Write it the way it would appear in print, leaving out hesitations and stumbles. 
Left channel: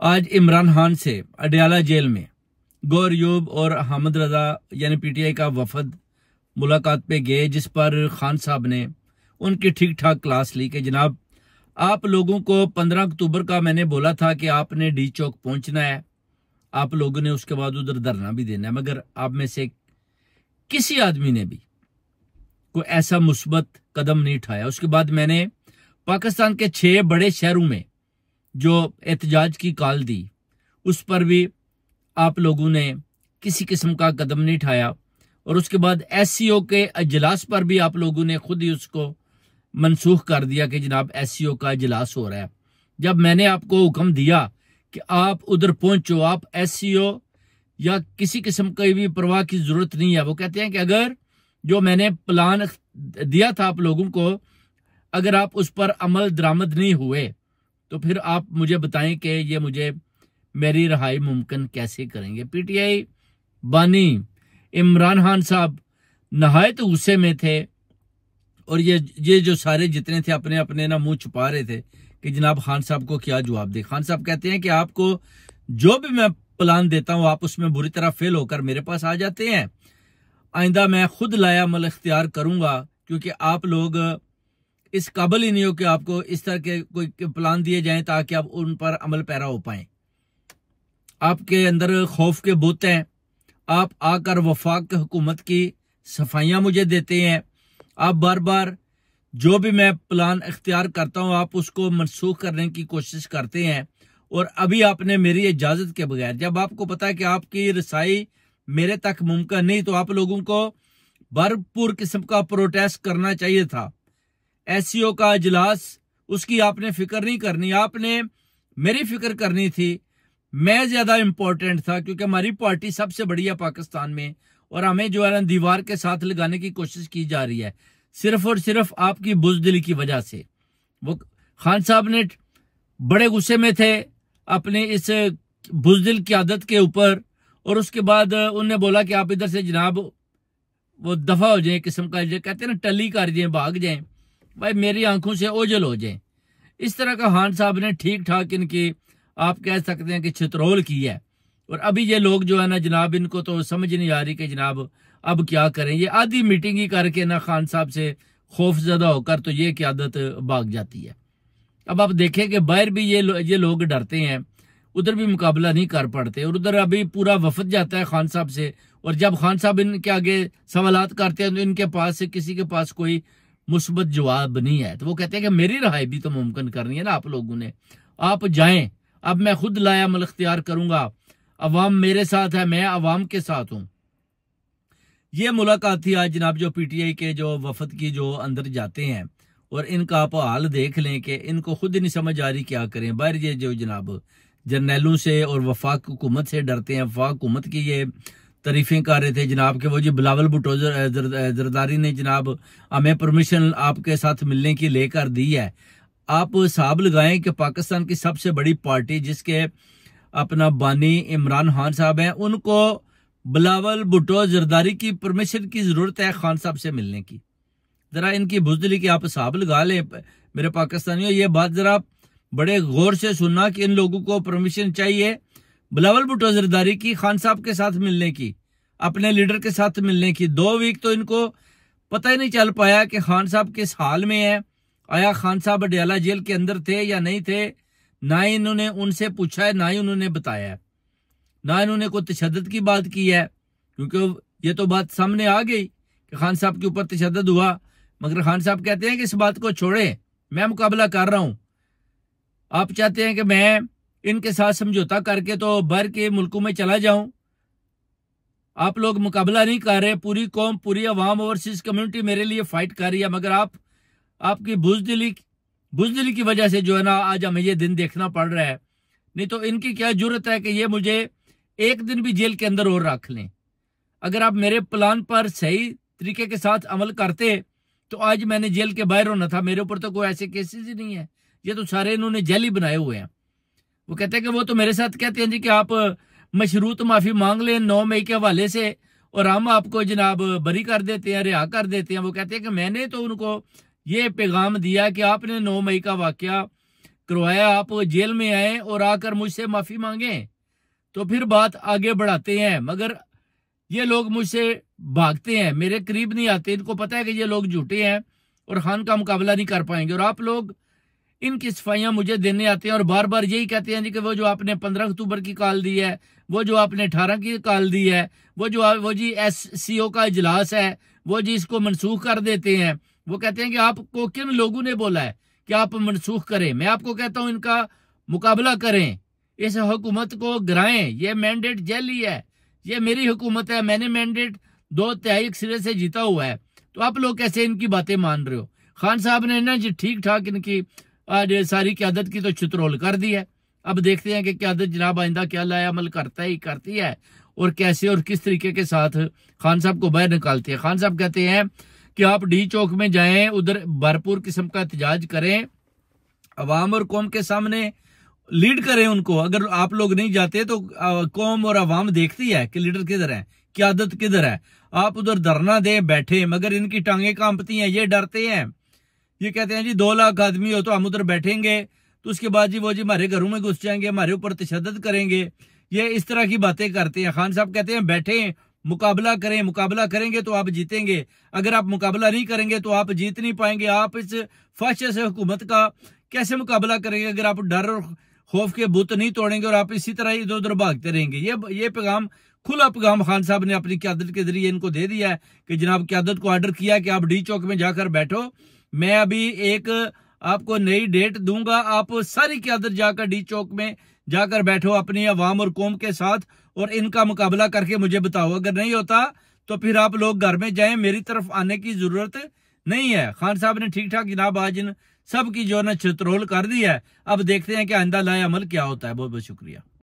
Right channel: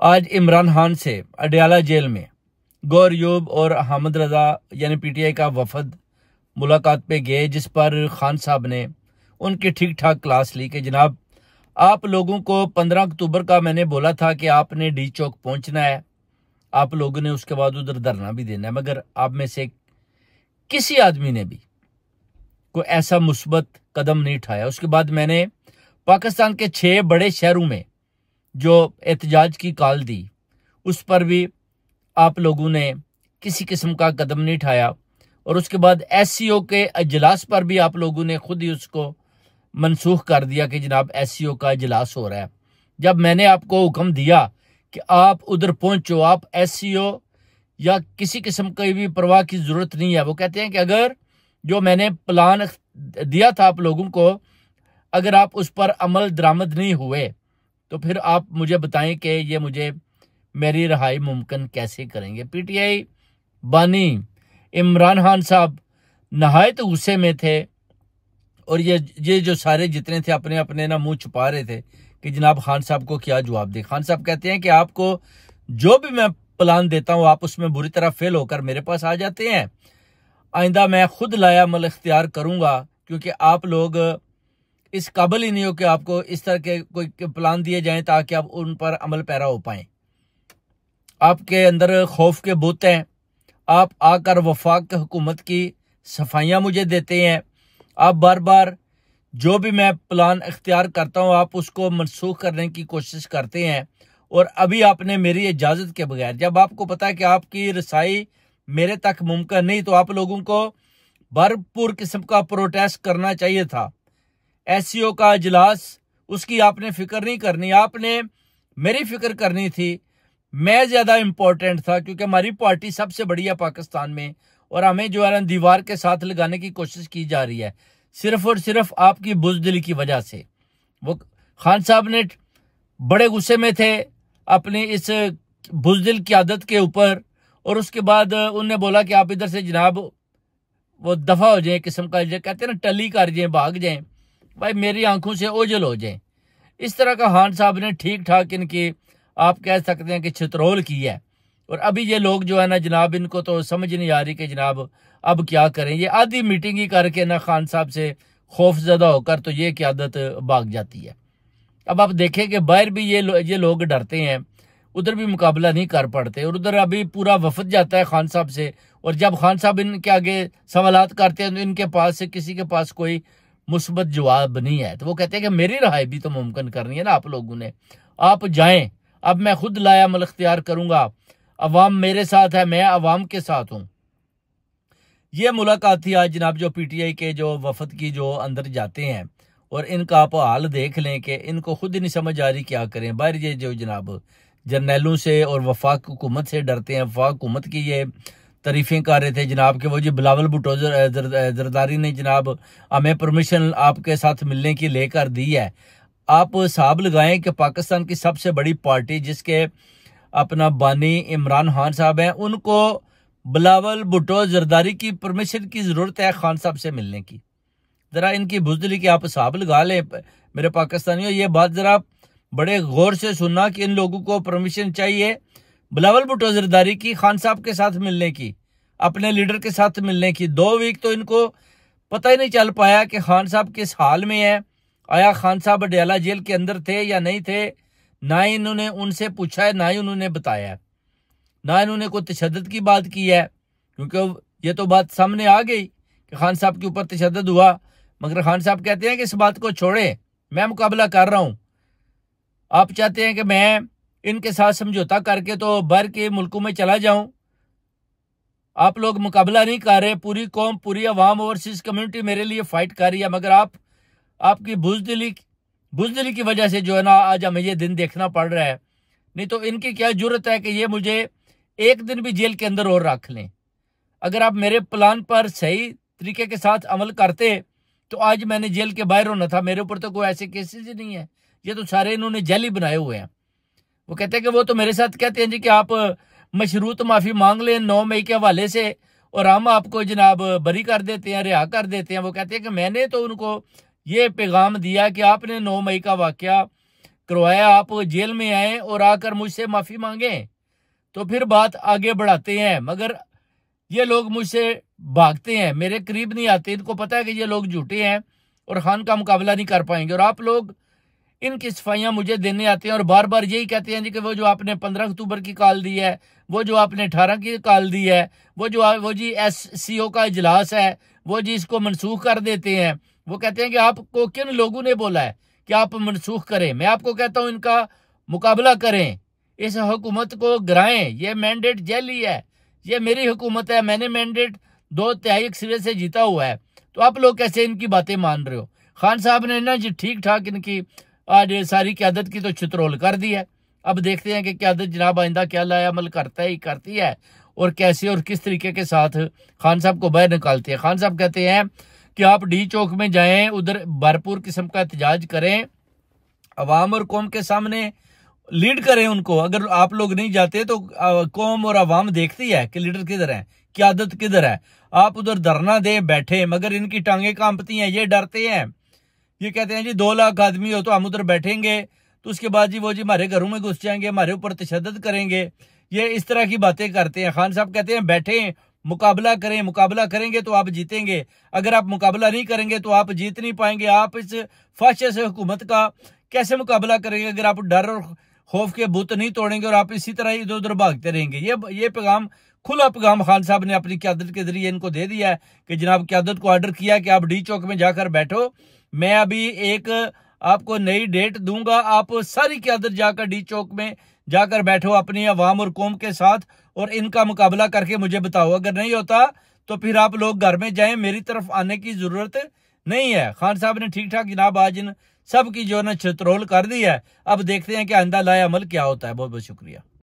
आज इमरान खान से अडयाला जेल में गौर यूब और हामिद रजा यानी पीटीआई का वफद मुलाकात पे गए, जिस पर खान साहब ने उनकी ठीक ठाक क्लास ली कि जनाब आप लोगों को 15 अक्टूबर का मैंने बोला था कि आपने डी चौक पहुंचना है, आप लोगों ने उसके बाद उधर धरना भी देना है, मगर आप में से किसी आदमी ने भी कोई ऐसा मुस्बत कदम नहीं उठाया। उसके बाद मैंने पाकिस्तान के 6 बड़े शहरों में जो एहतजाज की कॉल दी, उस पर भी आप लोगों ने किसी किस्म का कदम नहीं उठाया। और उसके बाद एससीओ के अजलास पर भी आप लोगों ने खुद ही उसको मनसूख कर दिया कि जनाब एससीओ का अजलास हो रहा है। जब मैंने आपको हुक्म दिया कि आप उधर पहुंचो, आप एससीओ या किसी किस्म की भी परवाह की जरूरत नहीं है। वो कहते हैं कि अगर जो मैंने प्लान दिया था आप लोगों को, अगर आप उस पर अमल दरामद नहीं हुए तो फिर आप मुझे बताएं कि ये मुझे मेरी रिहाई मुमकिन कैसे करेंगे। पीटीआई बानी इमरान खान साहब नहायत गुस्से में थे और ये जो सारे जितने थे अपने अपने ना मुंह छुपा रहे थे कि जनाब खान साहब को क्या जवाब दे। खान साहब कहते हैं कि आपको जो भी मैं प्लान देता हूं आप उसमें बुरी तरह फेल होकर मेरे पास आ जाते हैं। आइंदा मैं खुद लाया अमल इख्तियार करूंगा, क्योंकि आप लोग इस काबिल ही नहीं हो कि आपको इस तरह के कोई प्लान दिए जाएं ताकि आप उन पर अमल पैरा हो पाए। आपके अंदर खौफ के बुत हैं, आप आकर वफाक हुकूमत की सफाइयां मुझे देते हैं। आप बार बार जो भी मैं प्लान इख्तियार करता हूं आप उसको मनसूख करने की कोशिश करते हैं। और अभी आपने मेरी इजाजत के बगैर, जब आपको पता है कि आपकी रसाई मेरे तक मुमकिन नहीं, तो आप लोगों को भरपूर किस्म का प्रोटेस्ट करना चाहिए था। एससीओ का इजलास, उसकी आपने फिक्र नहीं करनी, आपने मेरी फिक्र करनी थी। मैं ज्यादा इंपॉर्टेंट था क्योंकि हमारी पार्टी सबसे बड़ी है पाकिस्तान में और हमें जो है दीवार के साथ लगाने की कोशिश की जा रही है सिर्फ और सिर्फ आपकी बुजदिली की वजह से। वो खान साहब ने बड़े गुस्से में थे अपनी इस बुजदिल की आदत के ऊपर, और उसके बाद उन्होंने बोला कि आप इधर से जनाब वो दफा हो जाए, किस्म का कहते हैं ना टली कर जाए, भाग जाए, भाई मेरी आंखों से ओझल हो जाए। इस तरह का खान साहब ने ठीक ठाक इनकी आप कह सकते हैं कि छितरौल की है। और अभी ये लोग जो है ना जनाब, इनको तो समझ नहीं आ रही कि जनाब अब क्या करें। ये आधी मीटिंग ही करके ना खान साहब से खौफजदा होकर तो ये क्यादत भाग जाती है। अब आप देखें कि बाहर भी ये लोग डरते हैं, उधर भी मुकाबला नहीं कर पड़ते, और उधर अभी पूरा वफद जाता है खान साहब से, और जब खान साहब इनके आगे सवालात करते हैं तो इनके पास से किसी के पास कोई मुस्बत जवाब नहीं है। तो वो कहते हैं कि मेरी रिहाई भी तो मुमकिन करनी है ना आप लोगों ने, आप जाएं, अब मैं खुद लाया अमल इख्तियार करूंगा, अवाम मेरे साथ है, मैं अवाम के साथ हूं। ये मुलाकात थी आज जनाब जो पीटीआई के जो वफद की जो अंदर जाते हैं, और इनका आप हाल देख लें कि इनको खुद ही नहीं समझ आ रही क्या करें। बाहर ये जो जनाब जर्नैलों से और वफाक हुकूमत से डरते हैं, वफाक हुकूमत की ये तारीफें कर रहे थे जनाब के वो जी बिलावल भुट्टो जरदारी ने जनाब हमें परमिशन आपके साथ मिलने की लेकर दी है। आप हिसाब लगाएं कि पाकिस्तान की सबसे बड़ी पार्टी जिसके अपना बानी इमरान खान साहब हैं, उनको बिलावल भुट्टो जरदारी की परमिशन की जरूरत है खान साहब से मिलने की। जरा इनकी बुजदिली की आप हिसाब लगा लें मेरे पाकिस्तानियों। ये बात जरा बड़े गौर से सुनना कि इन लोगों को परमिशन चाहिए बिलावल भुट्टो जरदारी की खान साहब के साथ मिलने की, अपने लीडर के साथ मिलने की। 2 वीक तो इनको पता ही नहीं चल पाया कि खान साहब किस हाल में है। आया खान साहब अडयाला जेल के अंदर थे या नहीं थे, ना ही इन्होंने उनसे पूछा है, ना ही उन्होंने बताया है, ना इन्होंने कोई तशद्दुद की बात की है, क्योंकि ये तो बात सामने आ गई कि खान साहब के ऊपर तशद्दुद हुआ। मगर खान साहब कहते हैं कि इस बात को छोड़े, मैं मुकाबला कर रहा हूं। आप चाहते हैं कि मैं इनके साथ समझौता करके तो बाहर के मुल्कों में चला जाऊं। आप लोग मुकाबला नहीं कर रहे, पूरी कौम, पूरी अवाम, ओवरसीज कम्युनिटी मेरे लिए फाइट कर रही है, मगर आपकी बुजदिली की वजह से जो है ना आज हमें ये दिन देखना पड़ रहा है। नहीं तो इनकी क्या जरूरत है कि ये मुझे एक दिन भी जेल के अंदर और रख लें। अगर आप मेरे प्लान पर सही तरीके के साथ अमल करते तो आज मैंने जेल के बाहर होना था। मेरे ऊपर तो कोई ऐसे केसेस ही नहीं है, ये तो सारे इन्होंने जेल बनाए हुए हैं। वो कहते हैं कि वो तो मेरे साथ कहते हैं जी कि आप मशरूत माफी मांग लें 9 मई के हवाले से और हम आपको जनाब बरी कर देते हैं, रिहा कर देते हैं। वो कहते हैं कि मैंने तो उनको ये पैगाम दिया कि आपने 9 मई का वाकया करवाया, आप जेल में आए और आकर मुझसे माफी मांगे तो फिर बात आगे बढ़ाते हैं, मगर ये लोग मुझसे भागते हैं, मेरे करीब नहीं आते। इनको पता है कि ये लोग झूठे हैं और खान का मुकाबला नहीं कर पाएंगे। और आप लोग इनकी सफाइयां मुझे देने आते हैं और बार बार यही कहते हैं जी कि वो जो आपने 15 अक्टूबर की कॉल दी है, वो जो आपने 18 की कॉल दी है, वो जी SCO का इजलास है, वो जी इसको मनसूख कर देते हैं। वो कहते हैं कि आपको किन लोगों ने बोला है कि आप मनसूख करें? मैं आपको कहता हूं इनका मुकाबला करें, इस हुकूमत को गिराएं। ये मैंडेट जैली है, ये मेरी हुकूमत है, मैंने मैंडेट 2/3 सिरे से जीता हुआ है। तो आप लोग कैसे इनकी बातें मान रहे हो? खान साहब ने ना जी ठीक ठाक इनकी आज सारी क्यादत की तो चित्रोल कर दी है। अब देखते हैं कि क्यादत जनाब आइंदा क्या लाया अमल करती है और कैसे और किस तरीके के साथ खान साहब को बाहर निकालती है। खान साहब कहते हैं कि आप डी चौक में जाएं, उधर भरपूर किस्म का एहतजाज करें, अवाम और कौम के सामने लीड करें उनको। अगर आप लोग नहीं जाते तो कौम और अवाम देखती है कि लीडर किधर है, क्यादत किधर है। आप उधर धरना दें, बैठे, मगर इनकी टांगे कांपती हैं, ये डरते हैं। ये कहते हैं जी 2 लाख आदमी हो तो हम उधर बैठेंगे, तो उसके बाद जी वो जी हमारे घरों में घुस जाएंगे, हमारे ऊपर तशद्दुद करेंगे। ये इस तरह की बातें करते हैं। खान साहब कहते हैं बैठे, मुकाबला करें, मुकाबला करेंगे तो आप जीतेंगे, अगर आप मुकाबला नहीं करेंगे तो आप जीत नहीं पाएंगे। आप इस फाशिस्ट हुकूमत का कैसे मुकाबला करेंगे अगर आप डर और खौफ के बुत नहीं तोड़ेंगे और आप इसी तरह इधर उधर भागते रहेंगे? ये पैगाम, खुला पैगाम खान साहब ने अपनी क्यादत के जरिए इनको दे दिया है कि जनाब क्यादत को ऑर्डर किया कि आप डी चौक में जाकर बैठो। मैं अभी एक आपको नई डेट दूंगा, आप सारी क्यादत जाकर डी चौक में जाकर बैठो अपनी अवाम और कौम के साथ और इनका मुकाबला करके मुझे बताओ। अगर नहीं होता तो फिर आप लोग घर में जाएं, मेरी तरफ आने की जरूरत नहीं है। खान साहब ने ठीक ठाक जनाब आज इन सब की जो है ना चित्रोल कर दी है। अब देखते हैं कि आइंदा लाए अमल क्या होता है। बहुत बहुत शुक्रिया।